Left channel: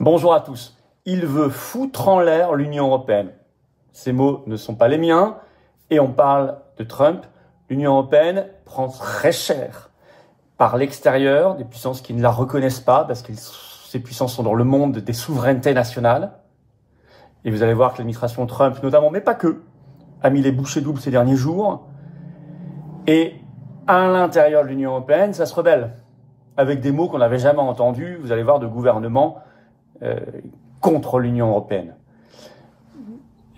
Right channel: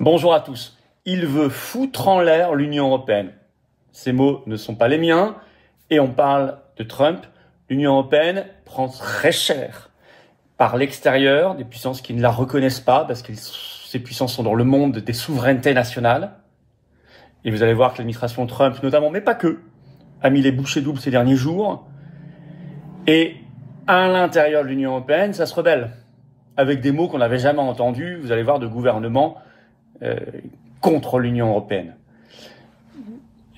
Bonjour à tous. Il veut foutre en l'air l'Union européenne. Ces mots ne sont pas les miens et on parle de Trump. L'Union européenne prend très cher par l'extérieur, des puissances qui ne la reconnaissent pas parce que ces puissances sont dans le monde des souverainetés nationales. Et vous allez voir que l'administration Trump, notamment, mais pas que, a mis les bouchées doubles ces derniers jours. Et à l'intérieur de l'Union européenne, ça se rebelle. Avec des mots qu'on n'avait jamais entendus, vous allez voir, de gouvernements contre l'Union européenne.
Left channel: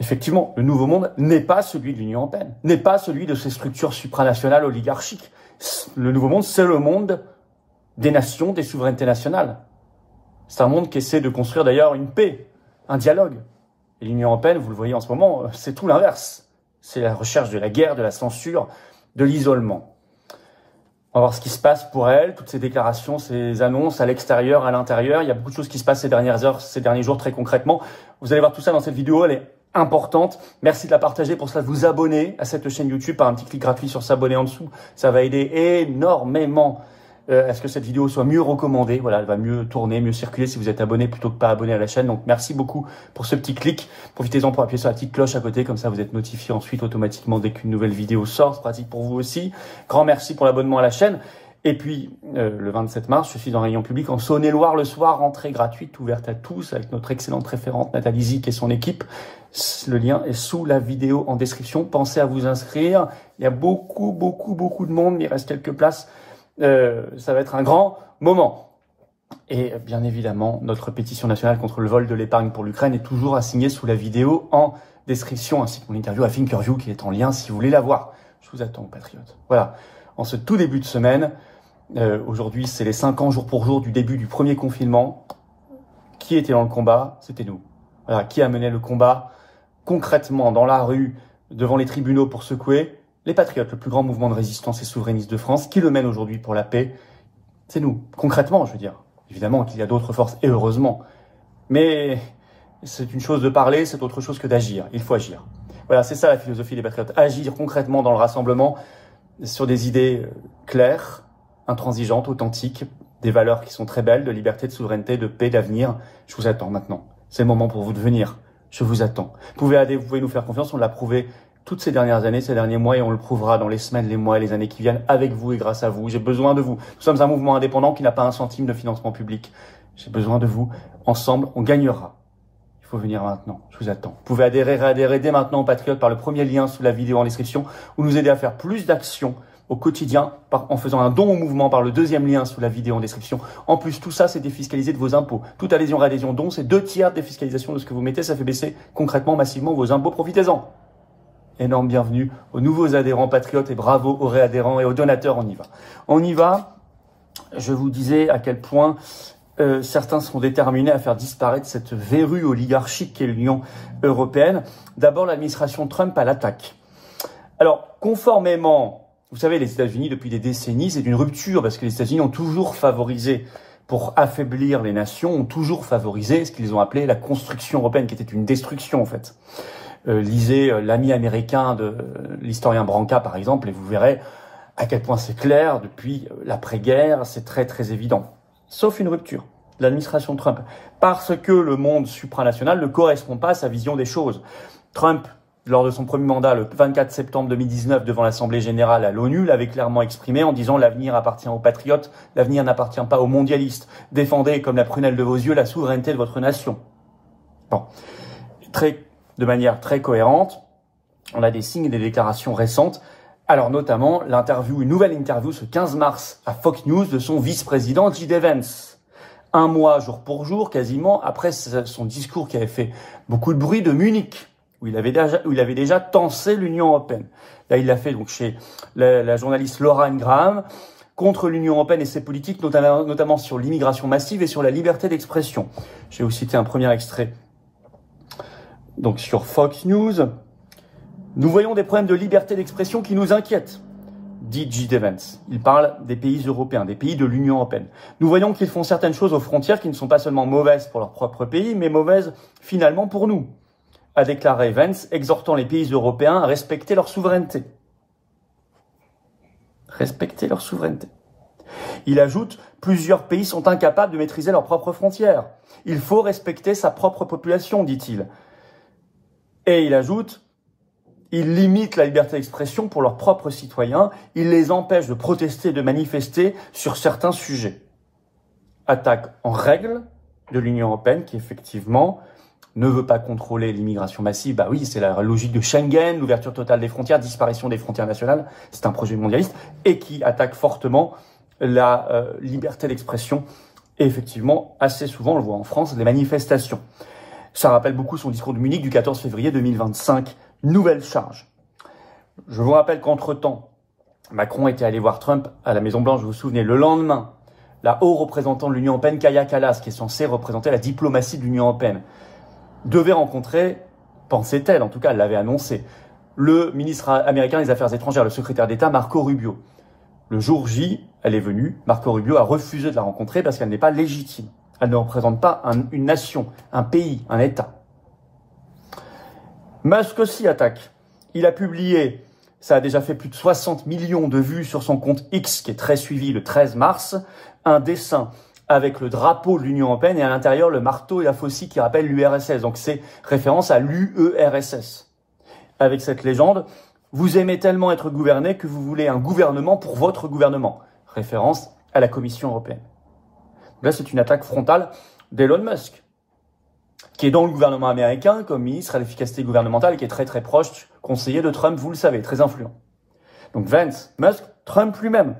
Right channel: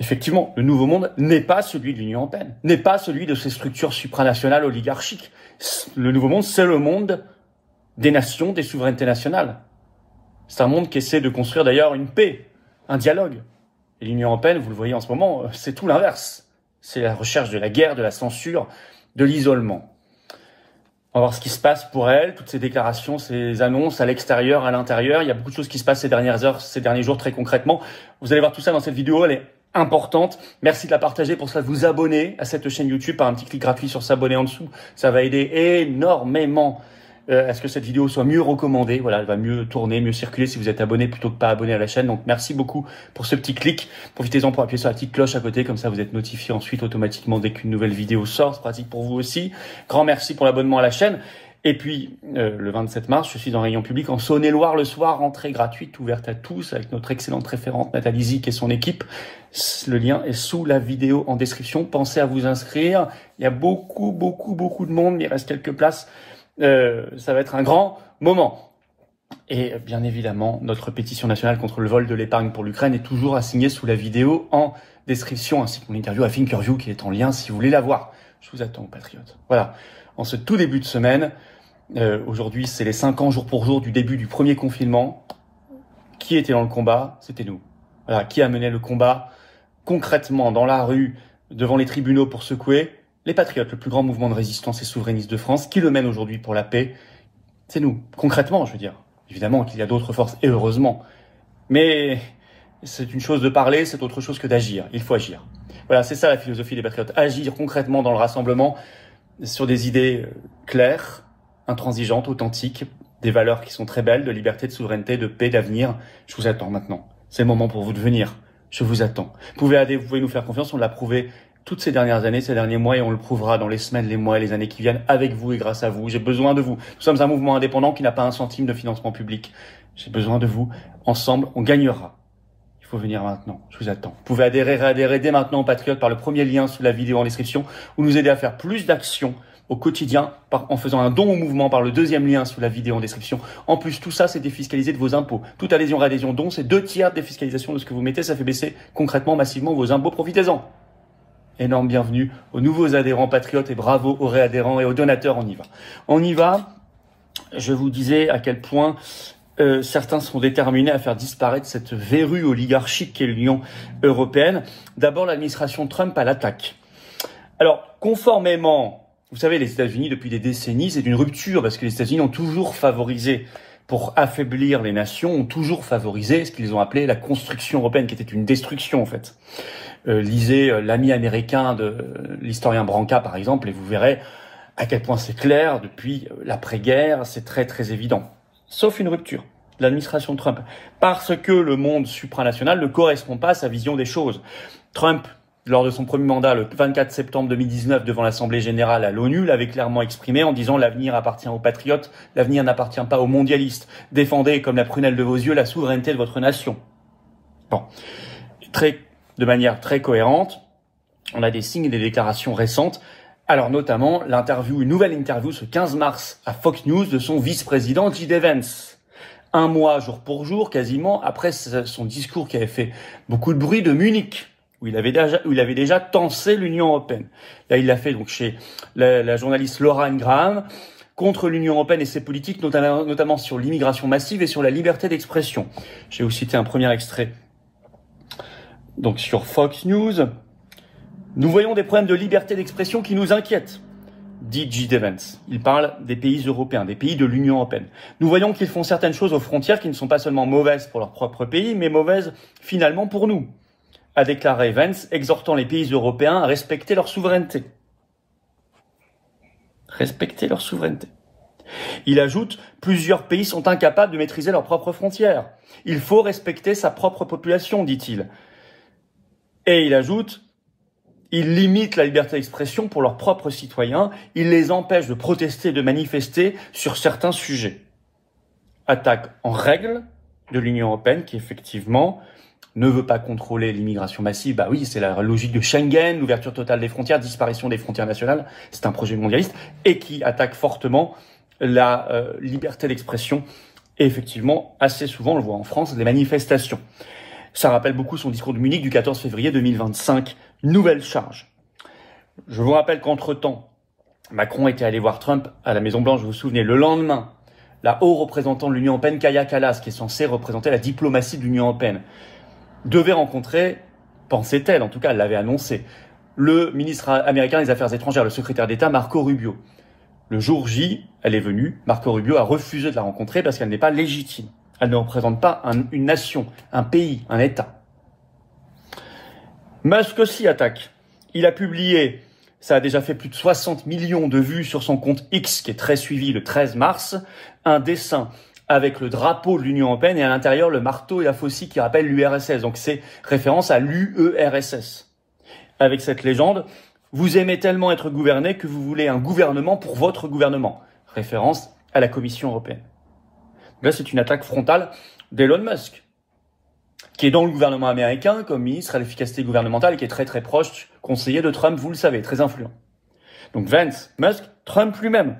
Effectivement, le nouveau monde n'est pas celui de l'Union européenne, n'est pas celui de ces structures supranationales oligarchiques. Le nouveau monde, c'est le monde des nations, des souverainetés nationales. C'est un monde qui essaie de construire d'ailleurs une paix, un dialogue. Et l'Union européenne, vous le voyez en ce moment, c'est tout l'inverse. C'est la recherche de la guerre, de la censure, de l'isolement. On va voir ce qui se passe pour elle, toutes ces déclarations, ces annonces à l'extérieur, à l'intérieur. Il y a beaucoup de choses qui se passent ces dernières heures, ces derniers jours très concrètement. Vous allez voir tout ça dans cette vidéo, elle est importante. Merci de la partager, pour cela vous abonner à cette chaîne YouTube par un petit clic gratuit sur s'abonner en dessous. Ça va aider énormément à ce que cette vidéo soit mieux recommandée. Voilà, elle va mieux tourner, mieux circuler si vous êtes abonné plutôt que pas abonné à la chaîne. Donc merci beaucoup pour ce petit clic. Profitez-en pour appuyer sur la petite cloche à côté, comme ça vous êtes notifié ensuite automatiquement dès qu'une nouvelle vidéo sort. C'est pratique pour vous aussi. Grand merci pour l'abonnement à la chaîne. Et puis, le 27 mars, je suis en réunion publique en Saône-et-Loire le soir, entrée gratuite, ouverte à tous, avec notre excellente référente Nathalie Zic et son équipe. Le lien est sous la vidéo en description. Pensez à vous inscrire. Il y a beaucoup de monde, mais il reste quelques places. Ça va être un grand moment. Et bien évidemment, notre pétition nationale contre le vol de l'épargne pour l'Ukraine est toujours à signer sous la vidéo en description, ainsi que mon interview à Thinkerview qui est en lien si vous voulez la voir. Je vous attends, patriotes. Voilà, en ce tout début de semaine, aujourd'hui c'est les 5 ans jour pour jour du début du premier confinement. Qui était dans le combat? C'était nous. Voilà, qui a mené le combat concrètement dans la rue, devant les tribunaux pour secouer? Les Patriotes, le plus grand mouvement de résistance et souverainiste de France, qui le mène aujourd'hui pour la paix, c'est nous. Concrètement, je veux dire. Évidemment qu'il y a d'autres forces, et heureusement. Mais c'est une chose de parler, c'est autre chose que d'agir. Il faut agir. Voilà, c'est ça la philosophie des Patriotes. Agir concrètement dans le rassemblement sur des idées claires, intransigeantes, authentiques, des valeurs qui sont très belles, de liberté, de souveraineté, de paix, d'avenir. Je vous attends maintenant. C'est le moment pour vous de venir. Je vous attends. Vous pouvez nous faire confiance, on l'a prouvé toutes ces dernières années, ces derniers mois, et on le prouvera dans les semaines, les mois et les années qui viennent avec vous et grâce à vous. J'ai besoin de vous. Nous sommes un mouvement indépendant qui n'a pas un centime de financement public. J'ai besoin de vous. Ensemble, on gagnera. Il faut venir maintenant. Je vous attends. Vous pouvez adhérer dès maintenant aux Patriotes par le premier lien sous la vidéo en description ou nous aider à faire plus d'actions au quotidien en faisant un don au mouvement par le deuxième lien sous la vidéo en description. En plus, tout ça, c'est défiscalisé de vos impôts. Toute adhésion, réadhésion, don, c'est 2/3 de défiscalisation de ce que vous mettez. Ça fait baisser concrètement, massivement vos impôts. Profitez-en. Énorme bienvenue aux nouveaux adhérents Patriotes et bravo aux réadhérents et aux donateurs. On y va. On y va. Je vous disais à quel point certains sont déterminés à faire disparaître cette verrue oligarchique qu'est l'Union européenne. D'abord, l'administration Trump à l'attaque. Alors, conformément, vous savez, les États-Unis, depuis des décennies, c'est une rupture parce que les États-Unis ont toujours favorisé, pour affaiblir les nations, ont toujours favorisé ce qu'ils ont appelé la construction européenne, qui était une destruction en fait. Lisez l'ami américain de l'historien Branca, par exemple, et vous verrez à quel point c'est clair depuis l'après-guerre, c'est très évident. Sauf une rupture de l'administration Trump, parce que le monde supranational ne correspond pas à sa vision des choses. Trump, lors de son premier mandat, le 24 septembre 2019, devant l'Assemblée générale à l'ONU, l'avait clairement exprimé en disant « L'avenir appartient aux patriotes, l'avenir n'appartient pas aux mondialistes. Défendez comme la prunelle de vos yeux la souveraineté de votre nation. » Bon, de manière très cohérente, on a des signes et des déclarations récentes. Alors notamment une nouvelle interview ce 15 mars à Fox News de son vice-président J.D. Vance. Un mois jour pour jour, quasiment, après son discours qui avait fait beaucoup de bruit de Munich, où il avait déjà tensé l'Union européenne. Là, il l'a fait donc chez la journaliste Laura Ingraham, contre l'Union européenne et ses politiques, notamment sur l'immigration massive et sur la liberté d'expression. Je vais vous citer un premier extrait. Donc sur Fox News, nous voyons des problèmes de liberté d'expression qui nous inquiètent, dit J.D. Vance. Il parle des pays européens, des pays de l'Union européenne. Nous voyons qu'ils font certaines choses aux frontières qui ne sont pas seulement mauvaises pour leur propre pays, mais mauvaises finalement pour nous, a déclaré Vance, exhortant les pays européens à respecter leur souveraineté. Respecter leur souveraineté. Il ajoute, plusieurs pays sont incapables de maîtriser leurs propres frontières. Il faut respecter sa propre population, dit-il. Et il ajoute, il limite la liberté d'expression pour leurs propres citoyens, il les empêche de protester et de manifester sur certains sujets. Attaque en règle de l'Union européenne qui, effectivement, ne veut pas contrôler l'immigration massive. Bah oui, c'est la logique de Schengen, l'ouverture totale des frontières, disparition des frontières nationales. C'est un projet mondialiste et qui attaque fortement la liberté d'expression. Et effectivement, assez souvent, on le voit en France, des manifestations. Ça rappelle beaucoup son discours de Munich du 14 février 2025. Nouvelle charge. Je vous rappelle qu'entre-temps, Macron était allé voir Trump à la Maison-Blanche, vous vous souvenez, le lendemain, la haut représentante de l'Union européenne, Kaja Kallas, qui est censée représenter la diplomatie de l'Union européenne, devait rencontrer, pensait-elle, en tout cas, elle l'avait annoncé, le ministre américain des Affaires étrangères, le secrétaire d'État, Marco Rubio. Le jour J, elle est venue, Marco Rubio a refusé de la rencontrer parce qu'elle n'est pas légitime. Elle ne représente pas une nation, un pays, un État. Musk aussi attaque. Il a publié, ça a déjà fait plus de 60 millions de vues sur son compte X, qui est très suivi le 13 mars, un dessin avec le drapeau de l'Union européenne et à l'intérieur le marteau et la faucille qui rappellent l'URSS. Donc c'est référence à l'UERSS. Avec cette légende, vous aimez tellement être gouverné que vous voulez un gouvernement pour votre gouvernement. Référence à la Commission européenne. Là, c'est une attaque frontale d'Elon Musk, qui est dans le gouvernement américain comme ministre à l'efficacité gouvernementale et qui est très très proche, conseiller de Trump, vous le savez, très influent. Donc Vance, Musk, Trump lui-même.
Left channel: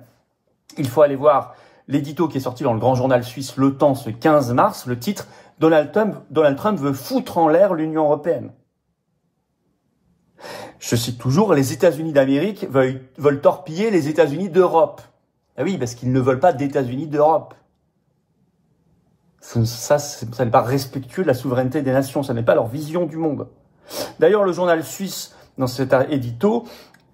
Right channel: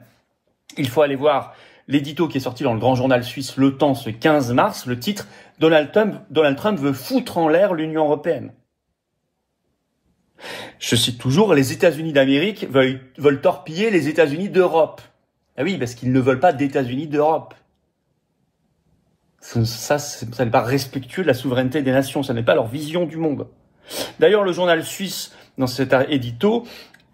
Il faut aller voir l'édito qui est sorti dans le grand journal suisse Le Temps ce 15 mars, le titre « Donald Trump veut foutre en l'air l'Union européenne ». Je cite toujours, les États-Unis d'Amérique veulent torpiller les États-Unis d'Europe. Ah oui, parce qu'ils ne veulent pas d'États-Unis d'Europe. Ça n'est pas respectueux de la souveraineté des nations, ça n'est pas leur vision du monde. D'ailleurs, le journal suisse, dans cet édito,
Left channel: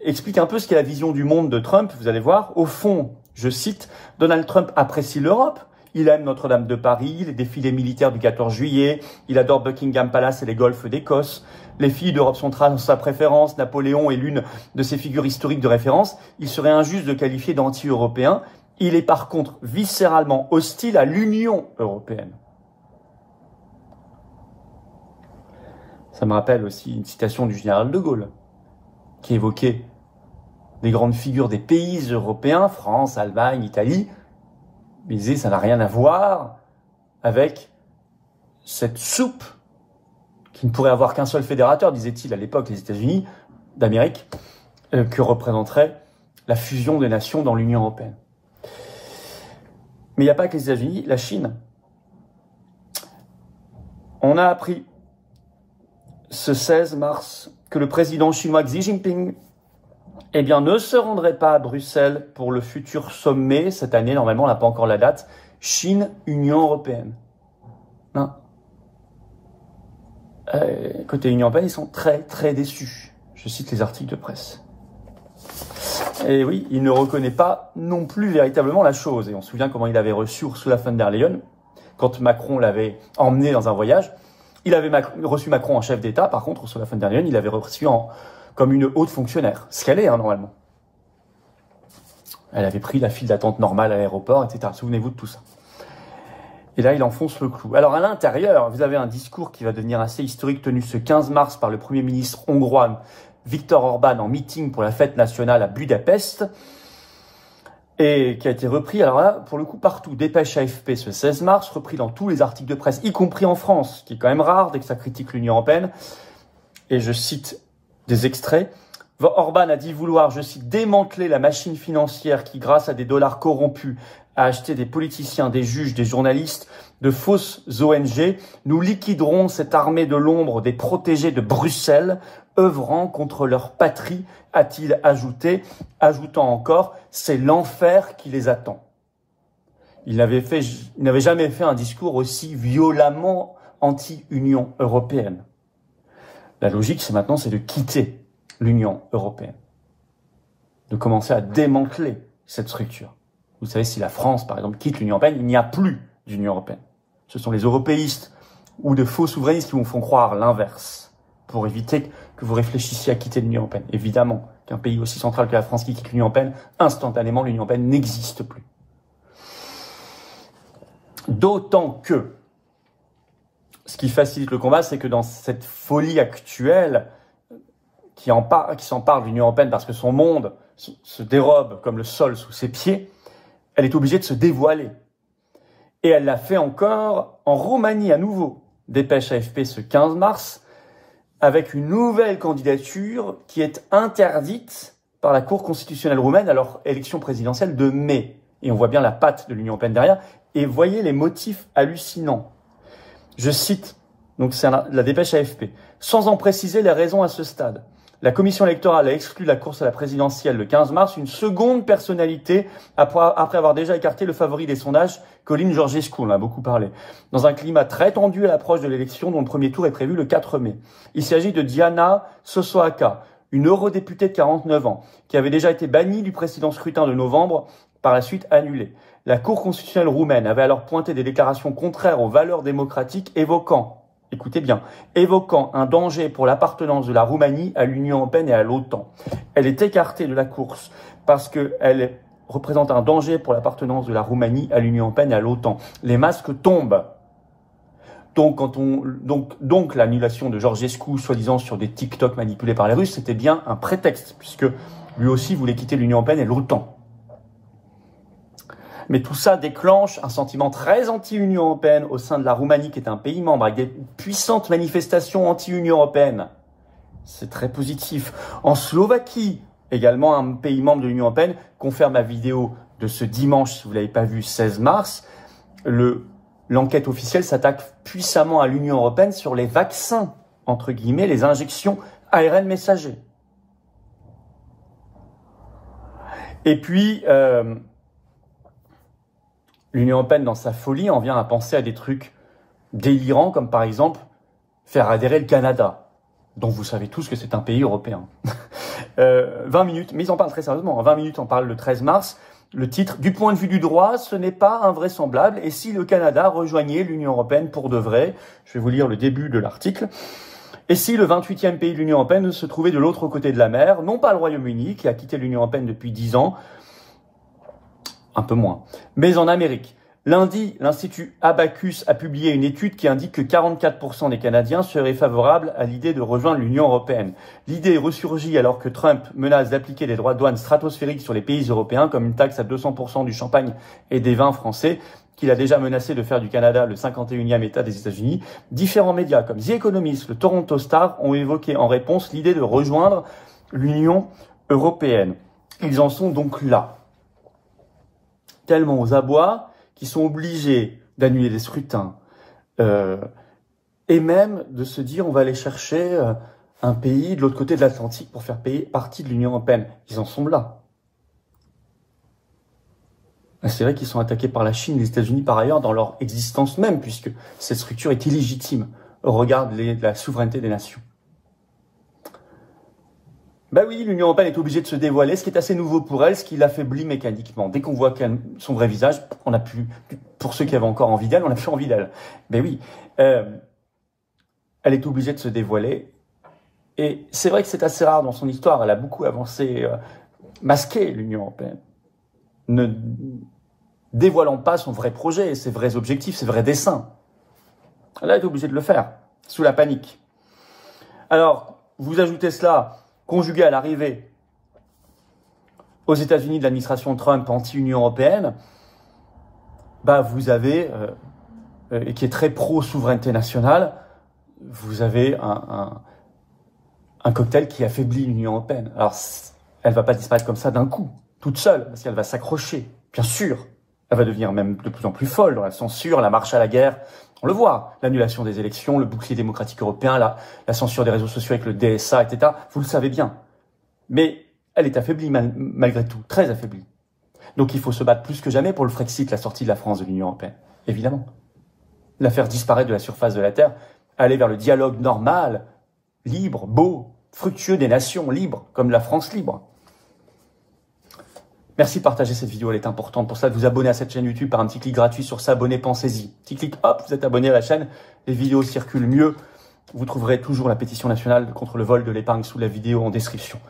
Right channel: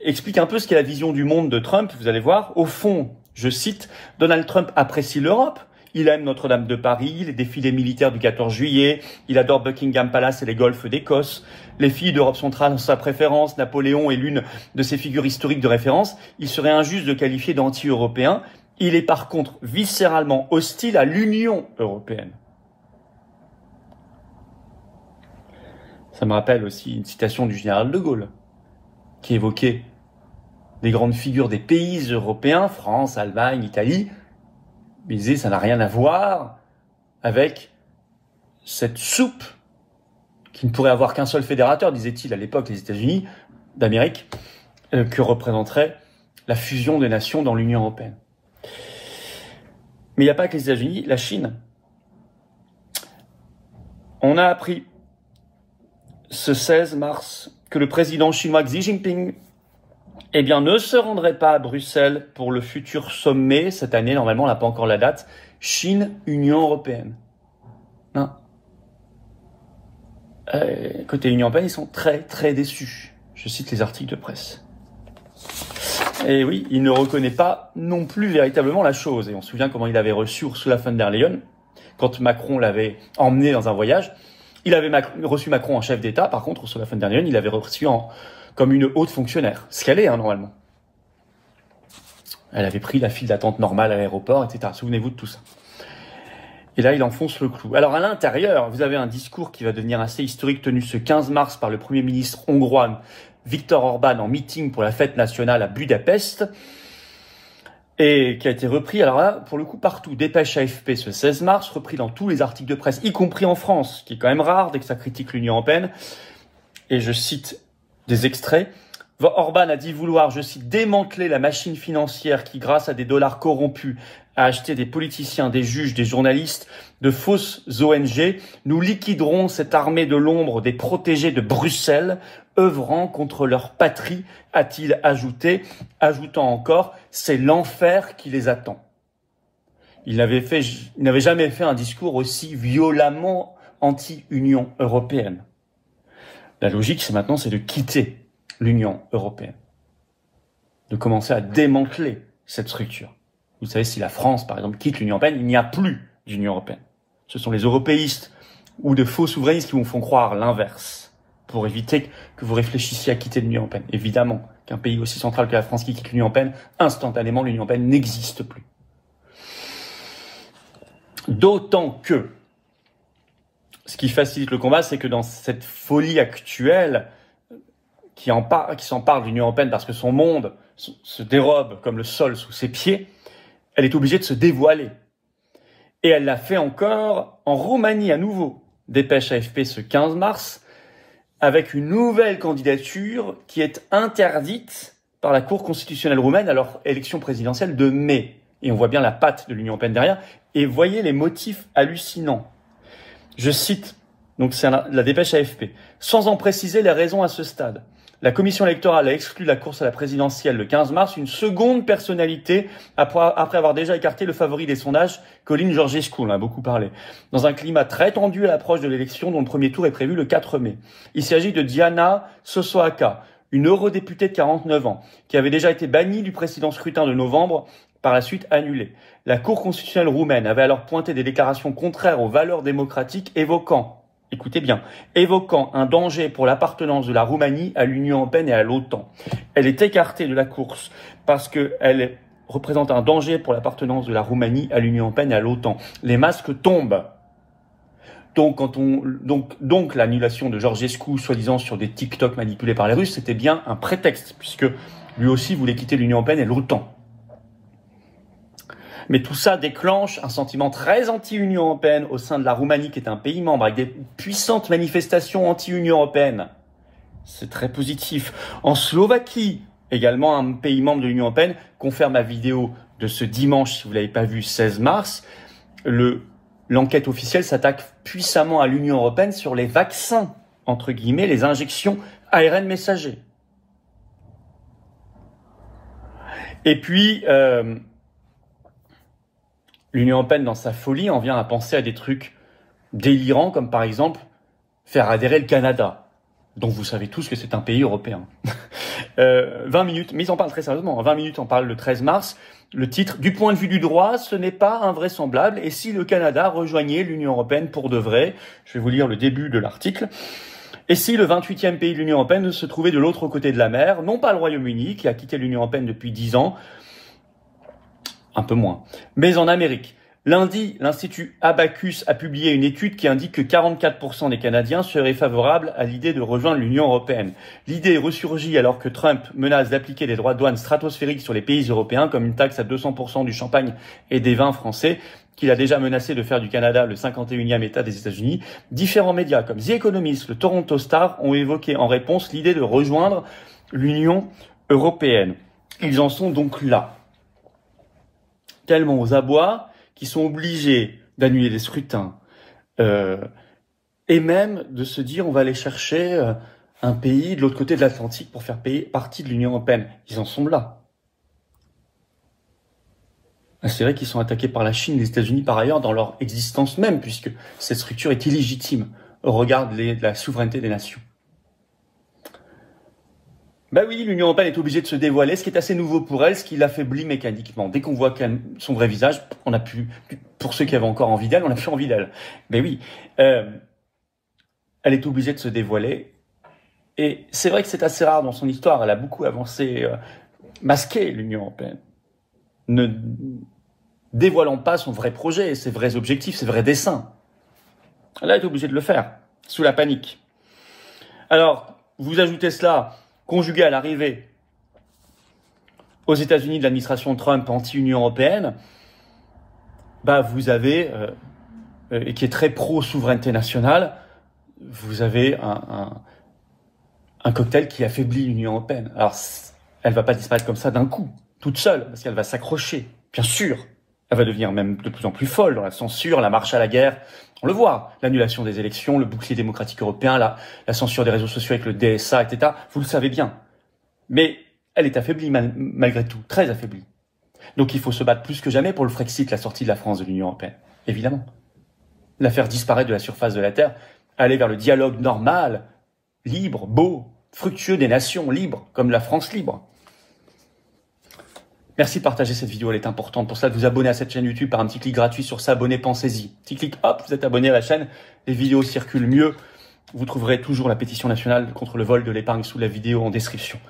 explique un peu ce qu'est la vision du monde de Trump, vous allez voir. Au fond, je cite, Donald Trump apprécie l'Europe, il aime Notre-Dame de Paris, les défilés militaires du 14 juillet, il adore Buckingham Palace et les golfs d'Écosse, les filles d'Europe centrale sont sa préférence, Napoléon est l'une de ses figures historiques de référence, il serait injuste de qualifier d'anti-européen. Il est par contre viscéralement hostile à l'Union européenne. Ça me rappelle aussi une citation du général de Gaulle, qui évoquait des grandes figures des pays européens, France, Allemagne, Italie, mais il disait ça n'a rien à voir avec cette soupe qui ne pourrait avoir qu'un seul fédérateur, disait-il à l'époque, les États-Unis d'Amérique, que représenterait la fusion des nations dans l'Union européenne. Mais il n'y a pas que les États-Unis, la Chine. On a appris ce 16 mars que le président chinois Xi Jinping ne se rendrait pas à Bruxelles pour le futur sommet cette année. Normalement, on n'a pas encore la date. Chine-Union européenne. Non. Côté Union européenne, ils sont très, très déçus. Je cite les articles de presse. Et oui, il ne reconnaît pas non plus véritablement la chose. Et on se souvient comment il avait reçu Ursula von der Leyen quand Macron l'avait emmené dans un voyage. Il avait reçu Macron en chef d'État. Par contre, Ursula von der Leyen, il l'avait reçu comme une haute fonctionnaire. Ce qu'elle est, normalement. Elle avait pris la file d'attente normale à l'aéroport, etc. Souvenez-vous de tout ça. Et là, il enfonce le clou. Alors, à l'intérieur, vous avez un discours qui va devenir assez historique, tenu ce 15 mars par le Premier ministre hongrois, Viktor Orban, en meeting pour la fête nationale à Budapest, et qui a été repris, alors là, pour le coup, partout. Dépêche AFP ce 16 mars, repris dans tous les articles de presse, y compris en France, qui est quand même rare dès que ça critique l'Union européenne. Et je cite des extraits. Orban a dit vouloir, je cite, démanteler la machine financière qui, grâce à des dollars corrompus, a acheté des politiciens, des juges, des journalistes, de fausses ONG. Nous liquiderons cette armée de l'ombre des protégés de Bruxelles, œuvrant contre leur patrie, a-t-il ajouté, ajoutant encore, c'est l'enfer qui les attend. Il n'avait jamais fait un discours aussi violemment anti-Union européenne. La logique, c'est maintenant, c'est de quitter l'Union européenne, de commencer à démanteler cette structure. Vous savez, si la France, par exemple, quitte l'Union européenne, il n'y a plus d'Union européenne. Ce sont les européistes ou de faux souverainistes qui vous font croire l'inverse, pour éviter que vous réfléchissiez à quitter l'Union européenne. Évidemment qu'un pays aussi central que la France qui quitte l'Union européenne, instantanément, l'Union européenne n'existe plus. D'autant que, ce qui facilite le combat, c'est que dans cette folie actuelle qui s'empare de l'Union européenne parce que son monde se dérobe comme le sol sous ses pieds, elle est obligée de se dévoiler. Et elle l'a fait encore en Roumanie à nouveau. Dépêche AFP ce 15 mars, avec une nouvelle candidature qui est interdite par la Cour constitutionnelle roumaine à leur élection présidentielle de mai. Et on voit bien la patte de l'Union européenne derrière. Et voyez les motifs hallucinants. Je cite, donc c'est la dépêche AFP, sans en préciser les raisons à ce stade. La commission électorale a exclu de la course à la présidentielle le 15 mars une seconde personnalité après avoir déjà écarté le favori des sondages, Călin Georgescu, on en a beaucoup parlé, dans un climat très tendu à l'approche de l'élection dont le premier tour est prévu le 4 mai. Il s'agit de Diana Sosoaca, une eurodéputée de 49 ans, qui avait déjà été bannie du précédent scrutin de novembre, par la suite annulée. La Cour constitutionnelle roumaine avait alors pointé des déclarations contraires aux valeurs démocratiques évoquant, écoutez bien, évoquant un danger pour l'appartenance de la Roumanie à l'Union européenne et à l'OTAN. Elle est écartée de la course parce qu'elle représente un danger pour l'appartenance de la Roumanie à l'Union européenne et à l'OTAN. Les masques tombent. Donc l'annulation de Georgescu, soi-disant sur des TikTok manipulés par les Russes, c'était bien un prétexte, puisque lui aussi voulait quitter l'Union européenne et l'OTAN. Mais tout ça déclenche un sentiment très anti-Union européenne au sein de la Roumanie, qui est un pays membre, avec des puissantes manifestations anti-Union européenne. C'est très positif. En Slovaquie, également un pays membre de l'Union européenne, confère ma vidéo de ce dimanche, si vous ne l'avez pas vu, 16 mars, l'enquête officielle s'attaque puissamment à l'Union européenne sur les vaccins, entre guillemets, les injections ARN messager. Et puis, l'Union européenne, dans sa folie, en vient à penser à des trucs délirants, comme par exemple faire adhérer le Canada, dont vous savez tous que c'est un pays européen. 20 minutes, mais ils en parlent très sérieusement. En 20 minutes, on parle le 13 mars. Le titre, du point de vue du droit, ce n'est pas invraisemblable. Et si le Canada rejoignait l'Union européenne pour de vrai? Je vais vous lire le début de l'article. Et si le 28e pays de l'Union européenne se trouvait de l'autre côté de la mer, non pas le Royaume-Uni, qui a quitté l'Union européenne depuis 10 ans, un peu moins, mais en Amérique. Lundi, l'Institut Abacus a publié une étude qui indique que 44% des Canadiens seraient favorables à l'idée de rejoindre l'Union européenne. L'idée ressurgit alors que Trump menace d'appliquer des droits de douane stratosphériques sur les pays européens, comme une taxe à 200% du champagne et des vins français, qu'il a déjà menacé de faire du Canada le 51e État des États-Unis. Différents médias comme The Economist, le Toronto Star ont évoqué en réponse l'idée de rejoindre l'Union européenne. Ils en sont donc là, tellement aux abois, qui sont obligés d'annuler des scrutins, et même de se dire on va aller chercher un pays de l'autre côté de l'Atlantique pour faire partie de l'Union européenne. Ils en sont là. C'est vrai qu'ils sont attaqués par la Chine et les États-Unis par ailleurs dans leur existence même, puisque cette structure est illégitime au regard de la souveraineté des nations. Ben oui, l'Union européenne est obligée de se dévoiler, ce qui est assez nouveau pour elle, ce qui l'affaiblit mécaniquement. Dès qu'on voit son vrai visage, on n'a plus, pour ceux qui avaient encore envie d'elle, on n'a plus envie d'elle. Ben oui, elle est obligée de se dévoiler. Et c'est vrai que c'est assez rare dans son histoire, elle a beaucoup avancé, masqué l'Union européenne, ne dévoilant pas son vrai projet, ses vrais objectifs, ses vrais desseins. Elle est obligée de le faire, sous la panique. Alors, vous ajoutez cela, conjugué à l'arrivée aux États-Unis de l'administration Trump anti-Union européenne, bah vous avez, et qui est très pro-souveraineté nationale, vous avez un cocktail qui affaiblit l'Union européenne. Alors, elle ne va pas disparaître comme ça d'un coup, toute seule, parce qu'elle va s'accrocher, bien sûr. Elle va devenir même de plus en plus folle dans la censure, la marche à la guerre. On le voit, l'annulation des élections, le bouclier démocratique européen, la censure des réseaux sociaux avec le DSA, etc. Vous le savez bien. Mais elle est affaiblie malgré tout, très affaiblie. Donc il faut se battre plus que jamais pour le Frexit, la sortie de la France de l'Union européenne. Évidemment. La faire disparaître de la surface de la Terre, aller vers le dialogue normal, libre, beau, fructueux des nations libres, comme la France libre. Merci de partager cette vidéo, elle est importante. Pour cela, de vous abonner à cette chaîne YouTube par un petit clic gratuit sur s'abonner, pensez-y. Petit clic, hop, vous êtes abonné à la chaîne, les vidéos circulent mieux. Vous trouverez toujours la pétition nationale contre le vol de l'épargne sous la vidéo en description.